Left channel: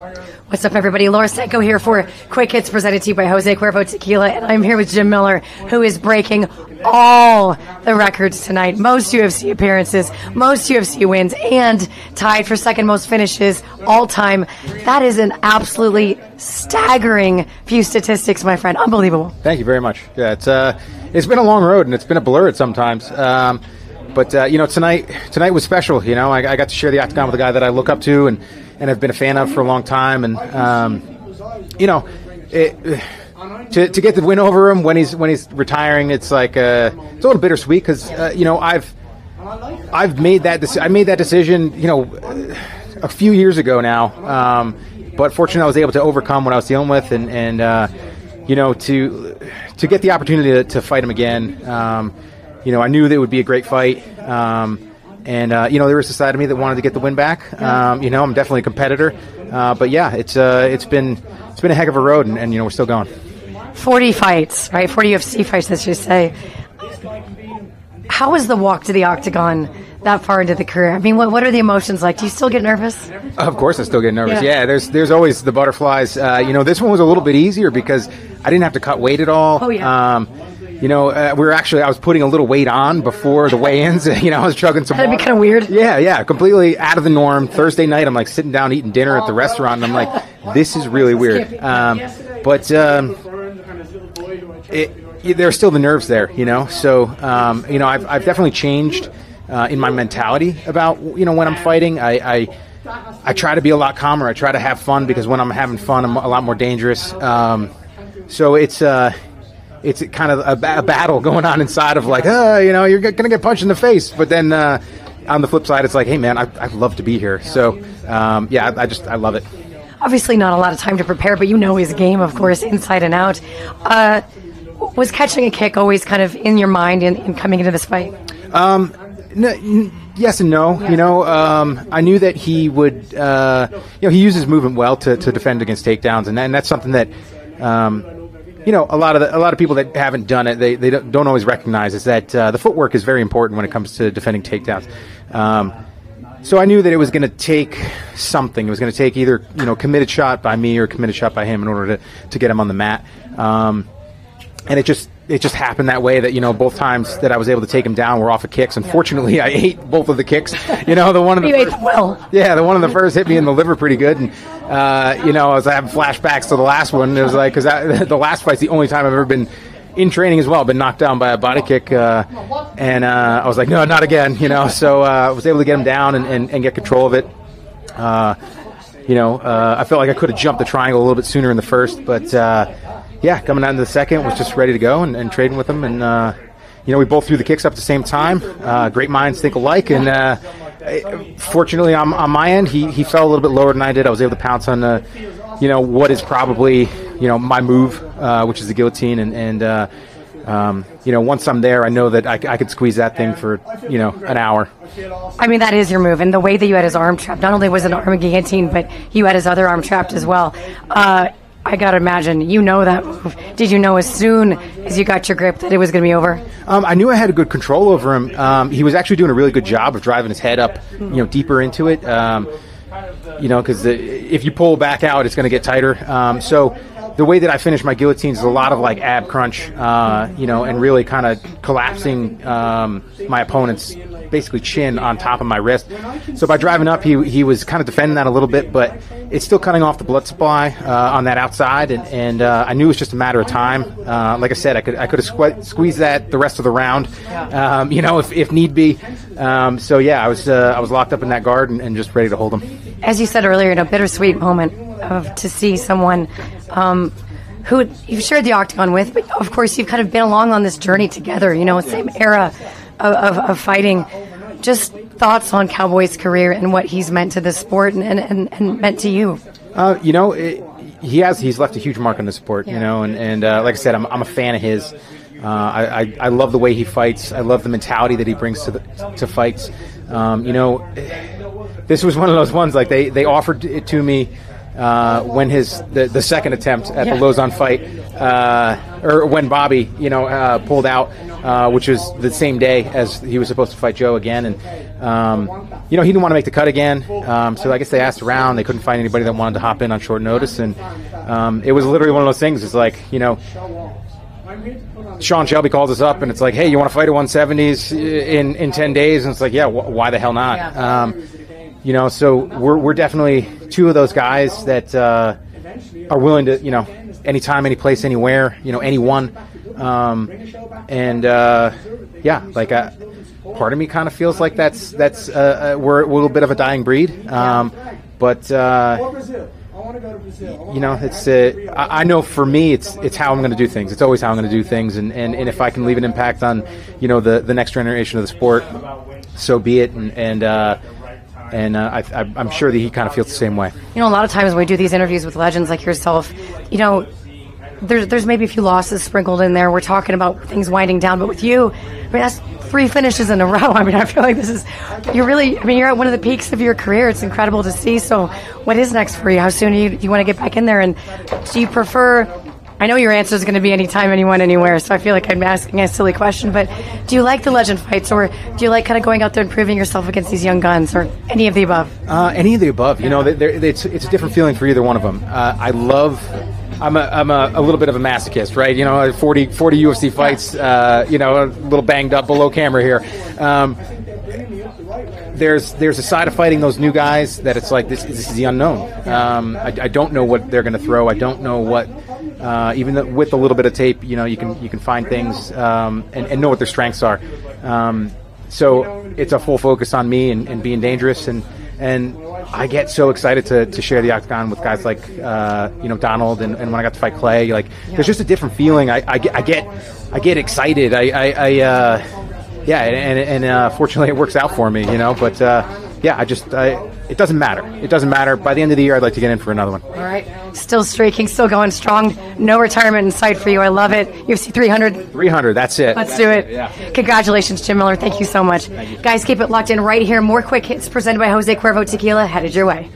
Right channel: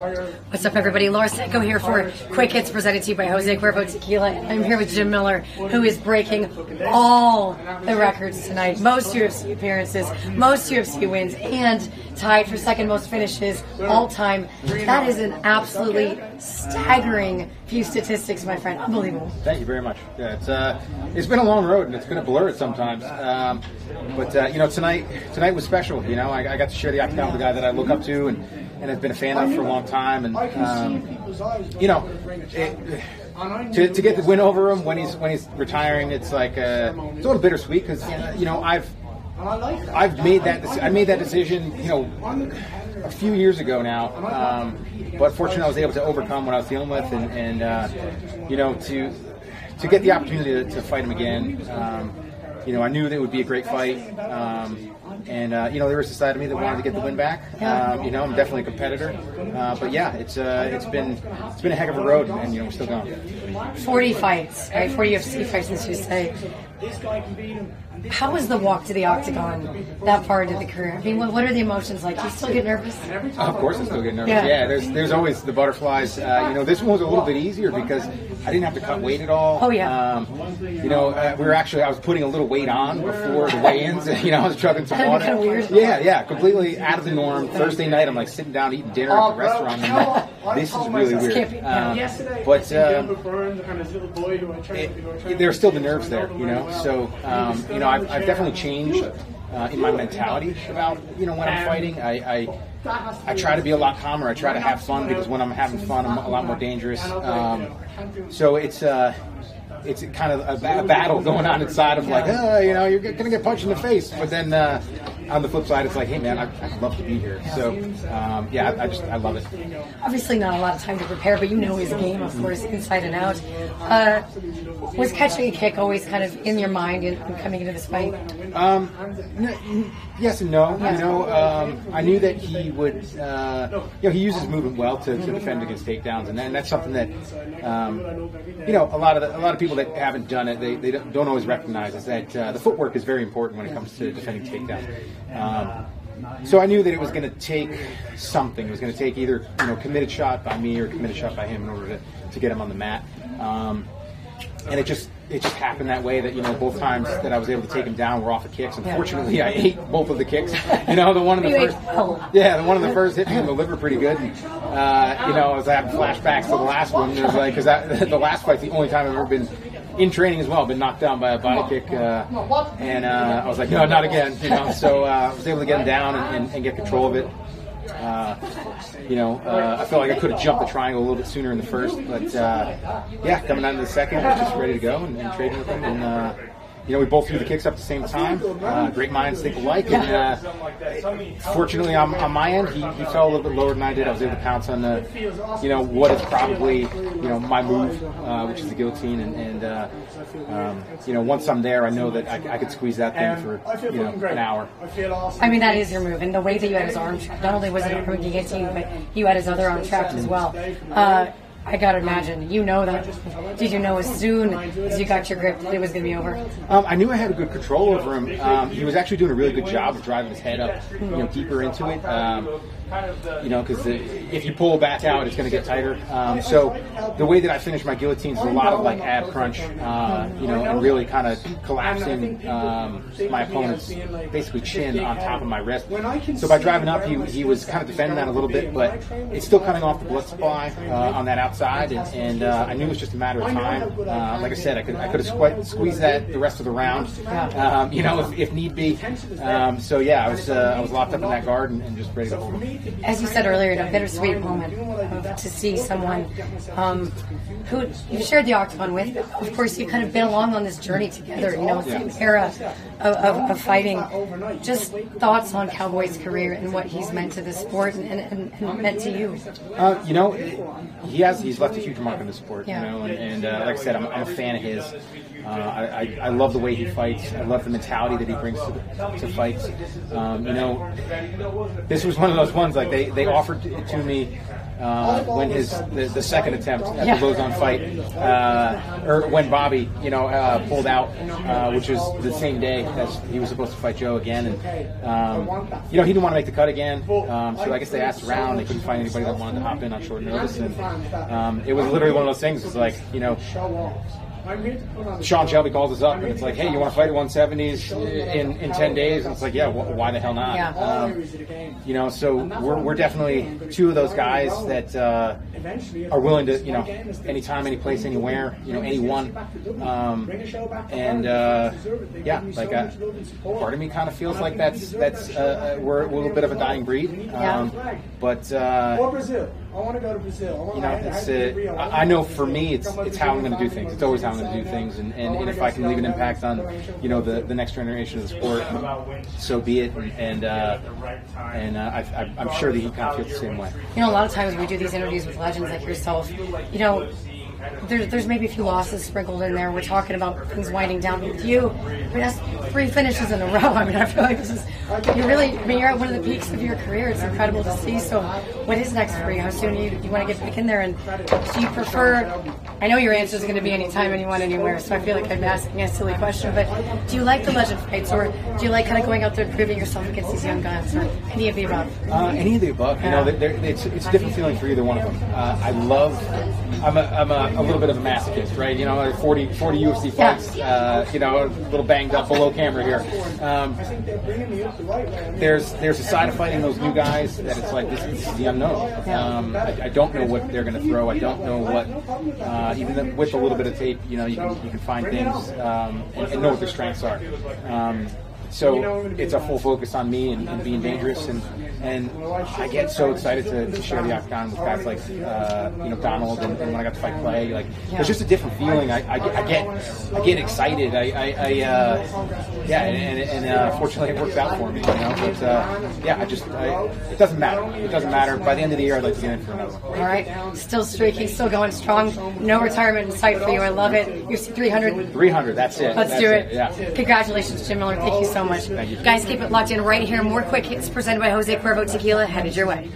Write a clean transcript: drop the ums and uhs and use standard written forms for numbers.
What's up, everybody? Laura Sanko here for Quick Hits presented to you by Jose Cuervo Tequila, and I'm here with Jim Miller, who is breaking all the records tonight. Most UFC appearances, most UFC wins, and tied for second most finishes all time. That is an absolutely staggering few statistics, my friend. Unbelievable. Thank you very much. Yeah, it's been a long road, and it's been a blur at sometimes. But tonight was special. You know, I got to share the octagon with a guy that I look up to and have been a fan of for a long time. And to get the win over him when he's retiring, it's like it's a little bittersweet because I've made that I made that decision a few years ago now. But fortunately, I was able to overcome what I was dealing with, and to get the opportunity to fight him again. I knew that it would be a great fight. There was a side of me that wanted to get the win back. I'm definitely a competitor. But yeah, it's been a heck of a road, and we're still going. 40 fights, right? 40 UFC fights, let's just say. How was the walk to the octagon that far into the career? I mean, what are the emotions like? Do you still get nervous? Of course I still get nervous. Yeah, there's always the butterflies. This one was a little bit easier because I didn't have to cut weight at all. Oh, yeah. I was putting a little weight on before the weigh-ins. I was chugging some water. That'd be kind of weird. Yeah, completely out of the norm. Thursday night, I'm like sitting down eating dinner at the restaurant, and I'm like, this is really weird. There's still the nerves there, So, I've definitely changed in my mentality about, when I'm fighting. I try to be a lot calmer. I try to have fun because when I'm having fun, I'm a lot more dangerous. So it's kind of a battle going on inside of like, you're going to get punched in the face. But then on the flip side, it's like, hey, man, I'd love to be here. So, I love it. Obviously not a lot of time to prepare, but his game, of course, inside and out. Was catching a kick always kind of in your mind in coming into this fight? Yes and no. I knew that he would, he uses movement well to defend against takedowns, and that's something that, a lot of people that haven't done it, they don't always recognize is that the footwork is very important when it comes to defending takedowns. So I knew that it was going to take something. It was going to take either committed shot by me or committed shot by him in order to get him on the mat. And it just happened that way that both times that I was able to take him down were off of kicks. Unfortunately, I ate both of the kicks. The one of the first, the one of the first hit me in the liver pretty good. And I was having flashbacks to the last one. It was like because the last fight's the only time I've ever been in training as well, been knocked down by a body kick, and I was like, no, not again. So I was able to get him down and get control of it. I felt like I could have jumped the triangle a little bit sooner in the first, but coming down to the second, was just ready to go and trading with him, and we both threw the kicks up at the same time. Great minds think alike, and fortunately on my end, he fell a little bit lower than I did. I was able to pounce on what is probably my move, which is the guillotine, and once I'm there, I know that I could squeeze that thing for, an hour. I mean, that is your move. And the way that you had his arm trapped, not only was it an arm guillotine, but you had his other arm trapped as well. I got to imagine, that move. Did you know as soon as you got your grip that it was going to be over? I knew I had a good control over him. He was actually doing a really good job of driving his head up, deeper into it. Because if you pull back out, it's going to get tighter. So the way that I finish my guillotines is a lot of like ab crunch, and really kind of collapsing my opponent's basically chin on top of my wrist. So by driving up, he was kind of defending that a little bit, but it's still cutting off the blood supply on that outside, and I knew it was just a matter of time. Like I said, I could have squeezed that the rest of the round, if need be. I was locked up in that guard and just ready to hold him. As you said earlier, a bittersweet moment to see someone who you've shared the octagon with, but of course you've kind of been along on this journey together, same era of fighting. Just thoughts on Cowboy's career and what he's meant to the sport and meant to you. He's left a huge mark on the sport, and like I said, I'm a fan of his. I love the way he fights. I love the mentality that he brings to fights. This was one of those ones, like they offered it to me when the second attempt at the Lozon fight, or when Bobby, pulled out, which was the same day as he was supposed to fight Joe again, and he didn't want to make the cut again. So I guess they asked around. They couldn't find anybody that wanted to hop in on short notice, and it was literally one of those things. It's like, Sean Shelby calls us up and it's like, hey, you want to fight at 170s in 10 days? And it's like, yeah, why the hell not? Yeah. So we're definitely two of those guys that are willing to, anytime, any place, anywhere, anyone. Part of me kind of feels like that's we're a little bit of a dying breed. But I want to go to Brazil. I know for me, it's how I'm going to do things. It's always how I'm going to do things, and if I can leave an impact on, the next generation of the sport, so be it. And I'm sure that he kind of feels the same way. A lot of times when we do these interviews with legends like yourself, there's maybe a few losses sprinkled in there. We're talking about things winding down, but with you, that's 3 finishes in a row. I feel like you're at one of the peaks of your career. It's incredible to see. So what is next for you? How soon do you want to get back in there? And do you prefer, I know your answer is going to be anytime, anyone, anywhere, so I feel like I'm asking a silly question, but do you like the legend fights, or do you like kind of going out there and proving yourself against these young guns, or any of the above? Any of the above. It's a different feeling for either one of them. I'm a little bit of a masochist, right? 40 UFC fights, a little banged up below camera here. There's a side of fighting those new guys that it's like, this is the unknown. I don't know what they're going to throw. I don't know what, even with a little bit of tape, you can find things and know what their strengths are. So it's a full focus on me and being dangerous, and I get so excited to share the octagon with guys like Donald, and when I got to fight Clay, there's just a different feeling. I get excited. Fortunately it works out for me, But it doesn't matter. It doesn't matter. By the end of the year, I'd like to get in for another one. All right, still streaking, still going strong. No retirement in sight for you. I love it. UFC 300. 300. That's it. Let's do it. Yeah. Congratulations, Jim Miller. Thank you so much. Thank you. Guys, keep it locked in right here. More quick hits presented by Jose Cuervo Tequila headed your way.